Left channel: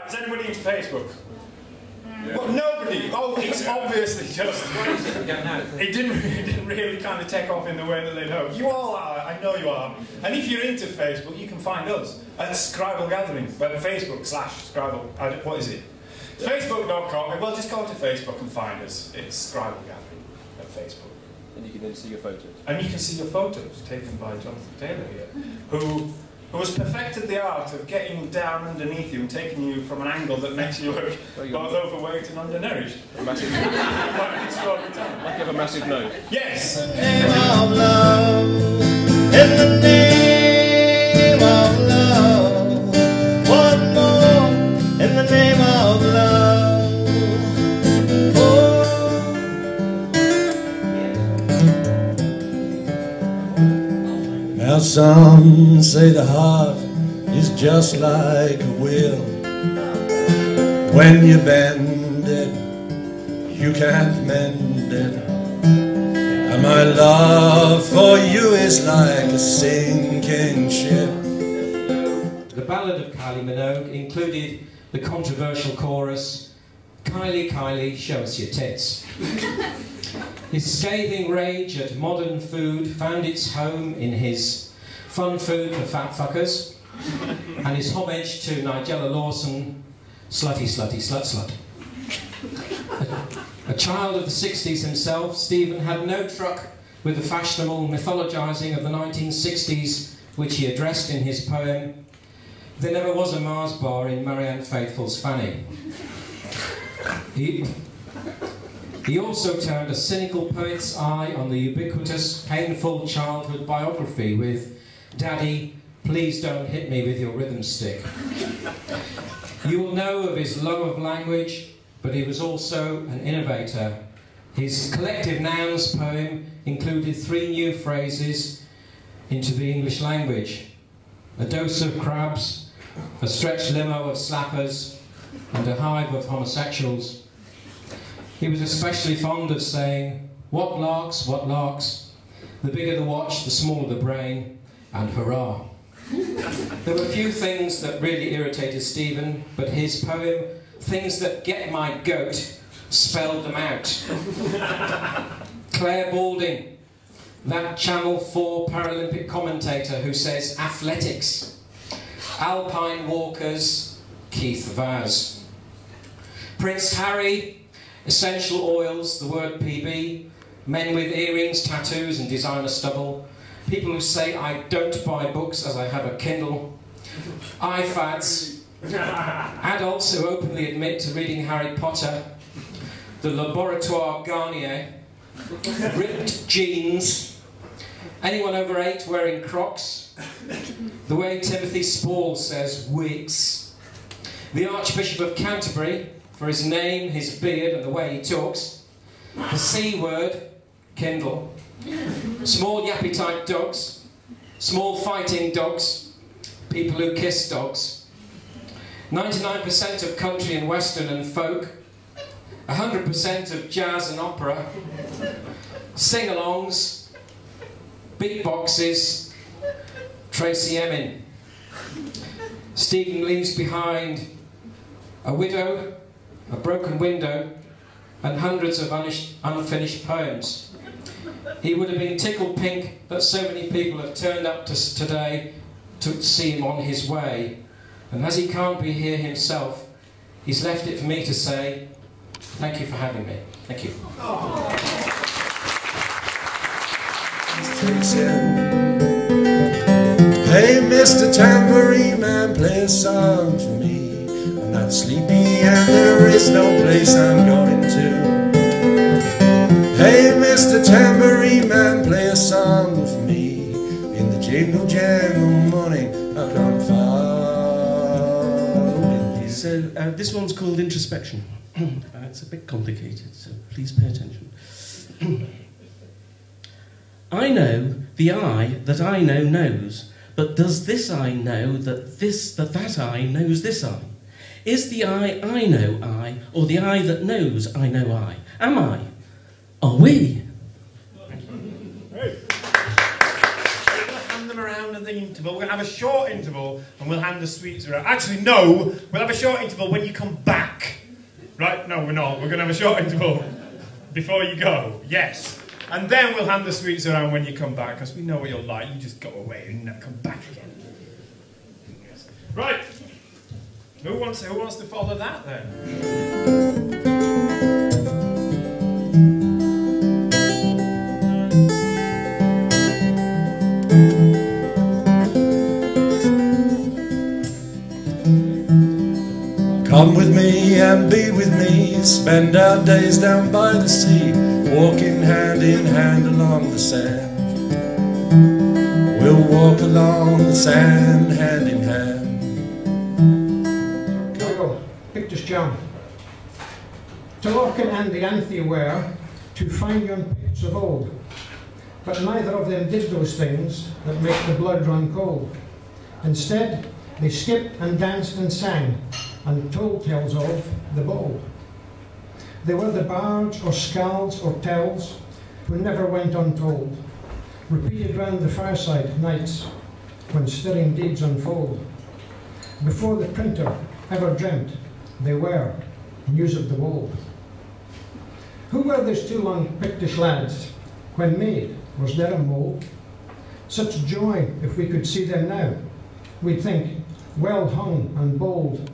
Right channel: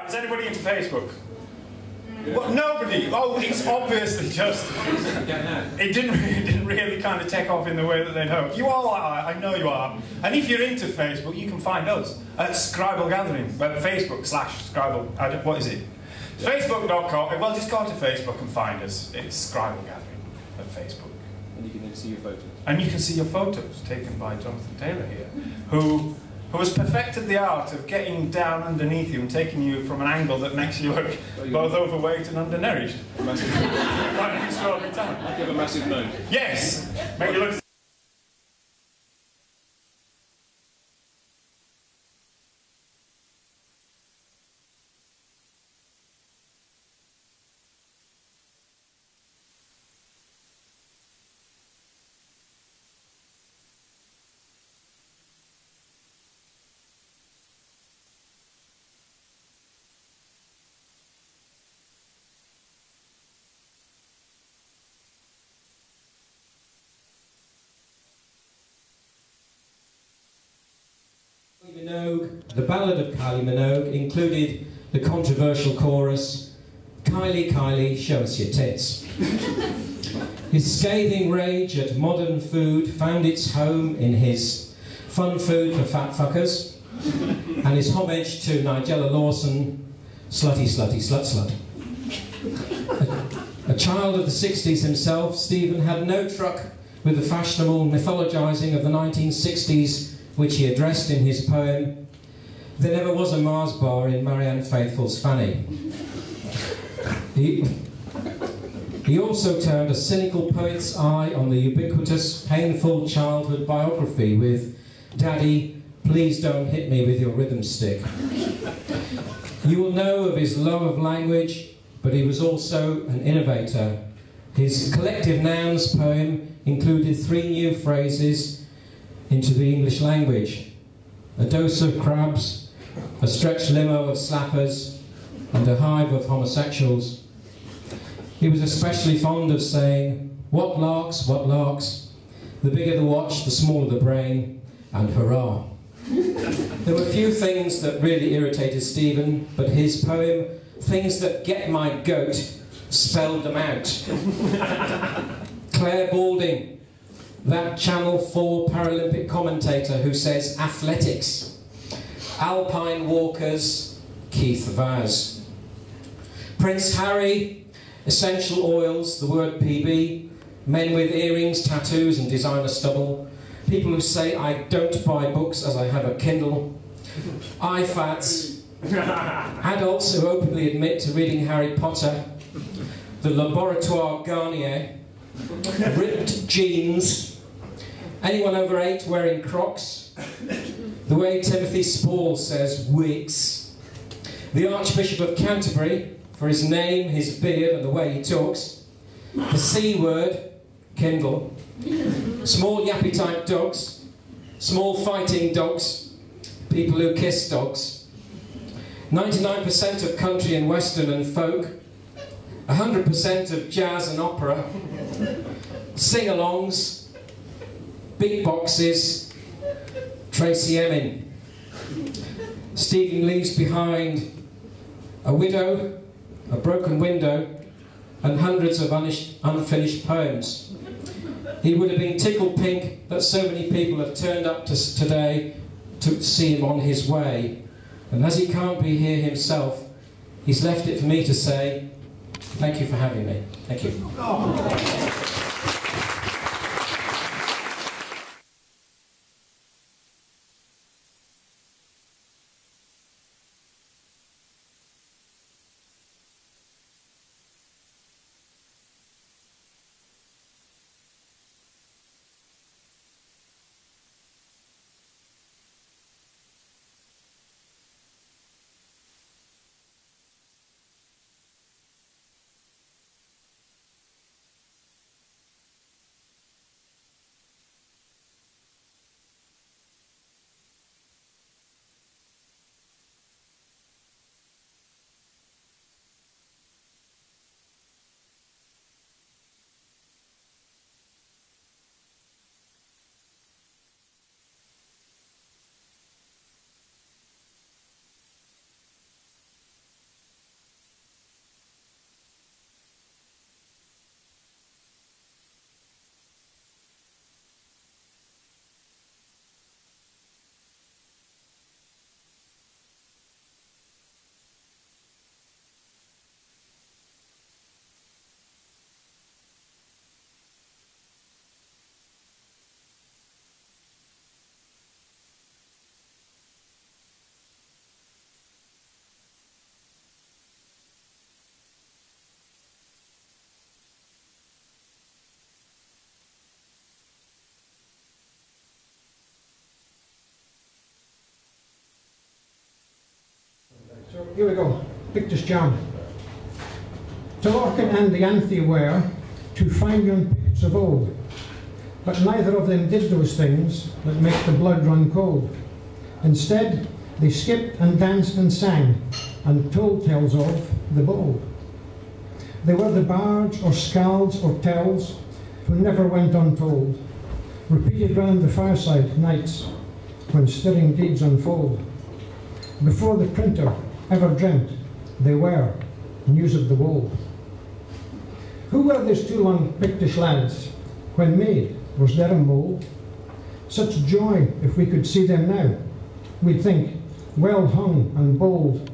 Right, is anybody into Facebook? Well, nobody. Oh, it's obviously just... It didn't really kind of take off in the way that they'd hoped. You all are, I know you are. And if you're into Facebook, you can find us at Scribal Gathering. But Facebook/Scribal... what is it? Facebook.com. Well, just go onto Facebook and find us. It's Scribal Gathering at Facebook. And you can then see your photos. And you can see your photos taken by Jonathan Taylor here, who has perfected the art of getting down underneath you and taking you from an angle that makes you look both overweight and undernourished. Quite an extraordinary talent. You have a massive nose. Yes! Name of love, in the name of love, one more, in the name of love. Oh. Now some say the heart is just like a wheel. When you bend it, you can't mend it. And my love for you is like a sinking ship. The Ballad of Kylie Minogue included the controversial chorus, "Kylie, Kylie, show us your tits." His scathing rage at modern food found its home in his Fun Food for Fat Fuckers and his homage to Nigella Lawson, Slutty, Slutty, Slut, Slut. A child of the 60s himself, Stephen had no truck with the fashionable mythologising of the 1960s, which he addressed in his poem, "There Never Was a Mars Bar in Marianne Faithfull's Fanny." He also turned a cynical poet's eye on the ubiquitous, painful childhood biography with "Daddy, please don't hit me with your rhythm stick." You will know of his love of language, but he was also an innovator. His Collective Nouns poem included 3 new phrases into the English language: a dose of crabs, a stretched limo of slappers, and a hive of homosexuals. He was especially fond of saying, what larks, the bigger the watch, the smaller the brain, and hurrah. There were few things that really irritated Stephen, but his poem, "Things That Get My Goat," spelled them out. Claire Balding, that Channel 4 Paralympic commentator who says athletics. Alpine walkers, Keith Vaz. Prince Harry, essential oils, the word PB, men with earrings, tattoos and designer stubble, people who say I don't buy books as I have a Kindle, iFads, adults who openly admit to reading Harry Potter, the Laboratoire Garnier, ripped jeans, anyone over 8 wearing Crocs, the way Timothy Spall says wigs, the Archbishop of Canterbury, for his name, his beard and the way he talks, the C word, Kindle, small yappy type dogs, small fighting dogs, people who kiss dogs, 99% of country and western and folk, 100% of jazz and opera, sing-alongs, big boxes, Tracy Emin. Stephen leaves behind a widow, a broken window, and hundreds of unfinished poems. He would have been tickled pink that so many people have turned up to today to see him on his way. And as he can't be here himself, he's left it for me to say, thank you for having me. Thank you. Hey, Mr. Tambourine Man, play a song for me. I'm not sleepy and there is no place I'm going to. Hey, Mr. Tambourine Man, play a song for me. In the jingle jangle morning, I'll come following you. So this one's called Introspection. It's a bit complicated, so please pay attention. I know the I that I know knows, but does this I know that that I knows this I? Is the I know I, or the I that knows I know I? Am I? Are we? Hand them around and the interval. We're going to have a short interval and we'll hand the sweets around. Actually, no, we'll have a short interval when you come back. Right? No, we're not. We're going to have a short interval before you go. Yes. And then we'll hand the sweets around when you come back, because we know what you're like. You just go away and then come back again. Yes. Right. Who wants to follow that then? Come with me and be with me, spend our days down by the sea, walking hand in hand along the sand. We'll walk along the sand, hand in hand. Here we go, pictures jam. To Larkin and the Anthea were two fine young picts of old, but neither of them did those things that make the blood run cold. Instead, they skipped and danced and sang, and told tales of the bold. They were the bards or scalds or tells who never went untold, repeated round the fireside nights when stirring deeds unfold. Before the printer ever dreamt, they were news of the wold. Who were these two long Pictish lads when made was there a mould? Such joy if we could see them now, we'd think well hung and bold.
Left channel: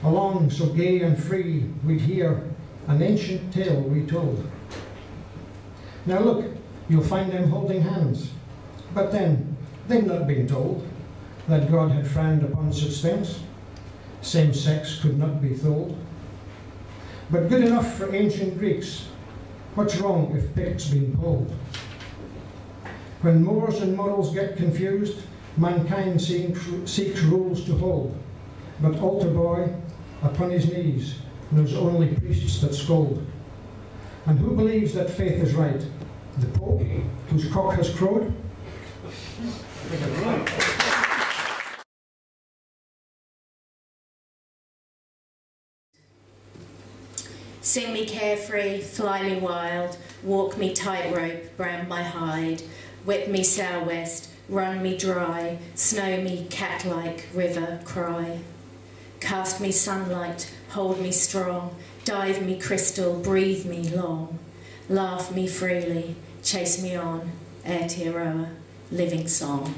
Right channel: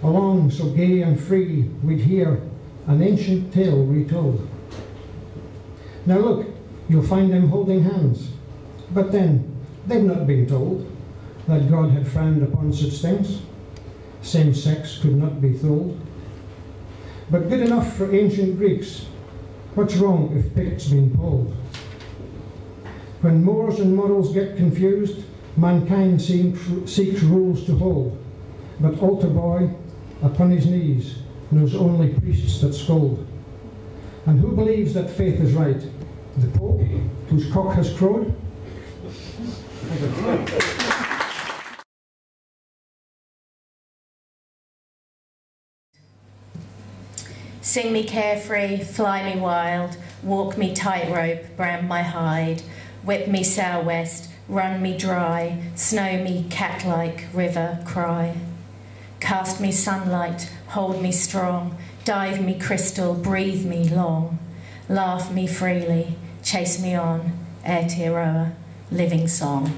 Along so gay and free, we'd hear an ancient tale retold. Now look, you'll find them holding hands, but then they've not been told that God had frowned upon such things. Same sex could not be told. But good enough for ancient Greeks. What's wrong if Picts been pulled? When mores and morals get confused, mankind seeks rules to hold. But altar boy, upon his knees, knows only priests that scold. And who believes that faith is right? The Pope, whose cock has crowed? Sing me carefree, fly me wild, walk me tightrope, brand my hide, whip me sou'west, run me dry, snow me cat-like, river cry. Cast me sunlight, hold me strong, dive me crystal, breathe me long, laugh me freely, chase me on, Aotearoa, living song.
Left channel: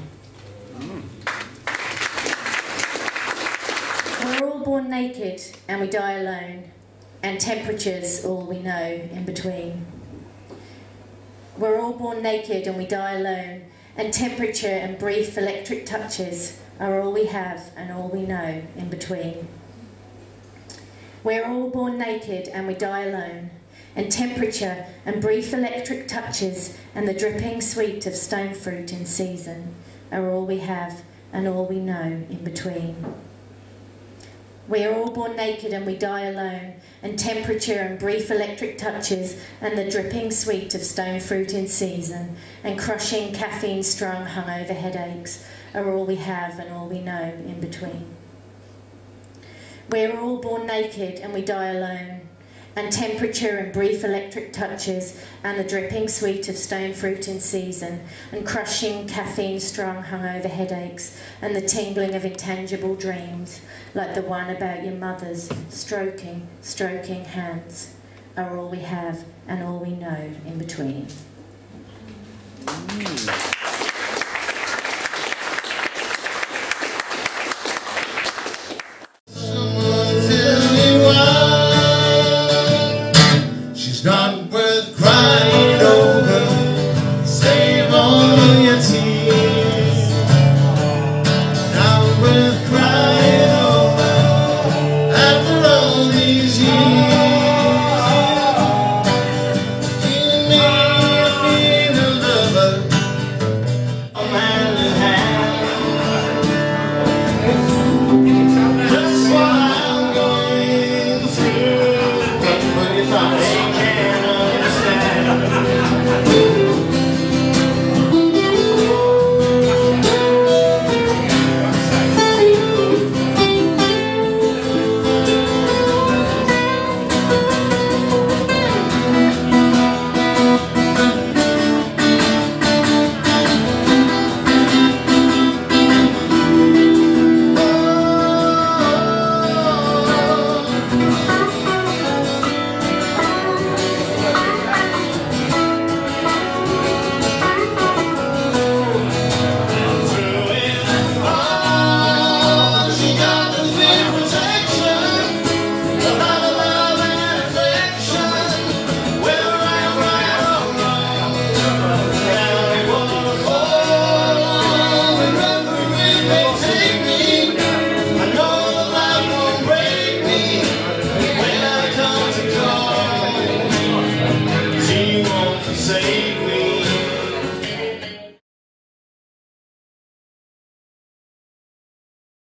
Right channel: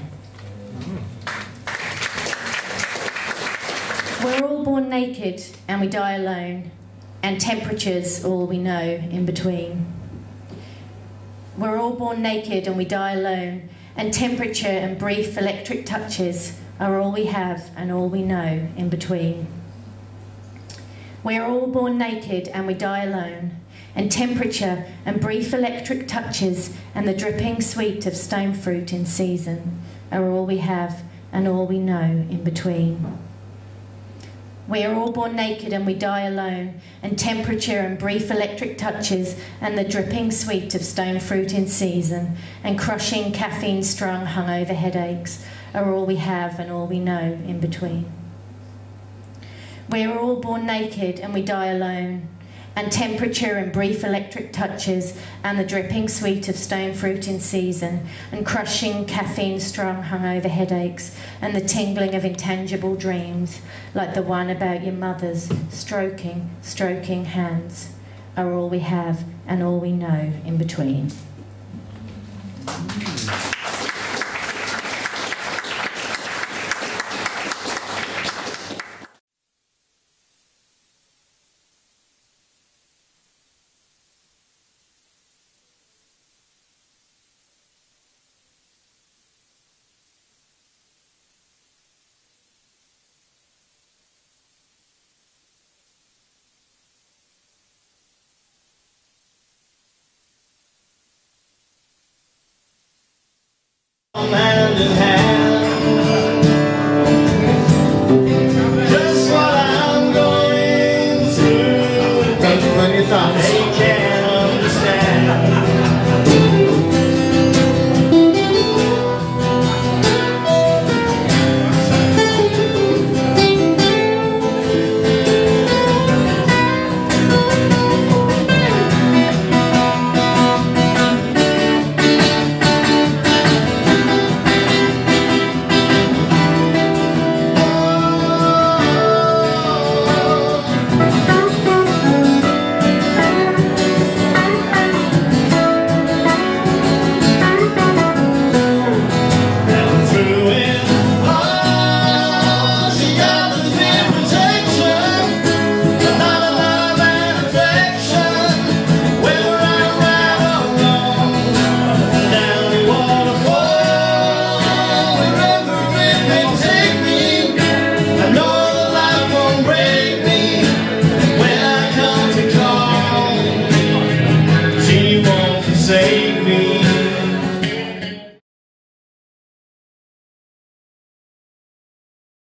We're all born naked and we die alone, and temperature's all we know in between. We're all born naked and we die alone, and temperature and brief electric touches are all we have and all we know in between. We're all born naked and we die alone, and temperature and brief electric touches and the dripping sweet of stone fruit in season are all we have and all we know in between. We are all born naked and we die alone, and temperature and brief electric touches and the dripping sweet of stone fruit in season and crushing caffeine-strung hungover headaches are all we have and all we know in between. We are all born naked and we die alone, and temperature and brief electric touches and the dripping sweet of stone fruit in season and crushing caffeine-strung hungover headaches and the tingling of intangible dreams like the one about your mother's stroking hands are all we have and all we know in between.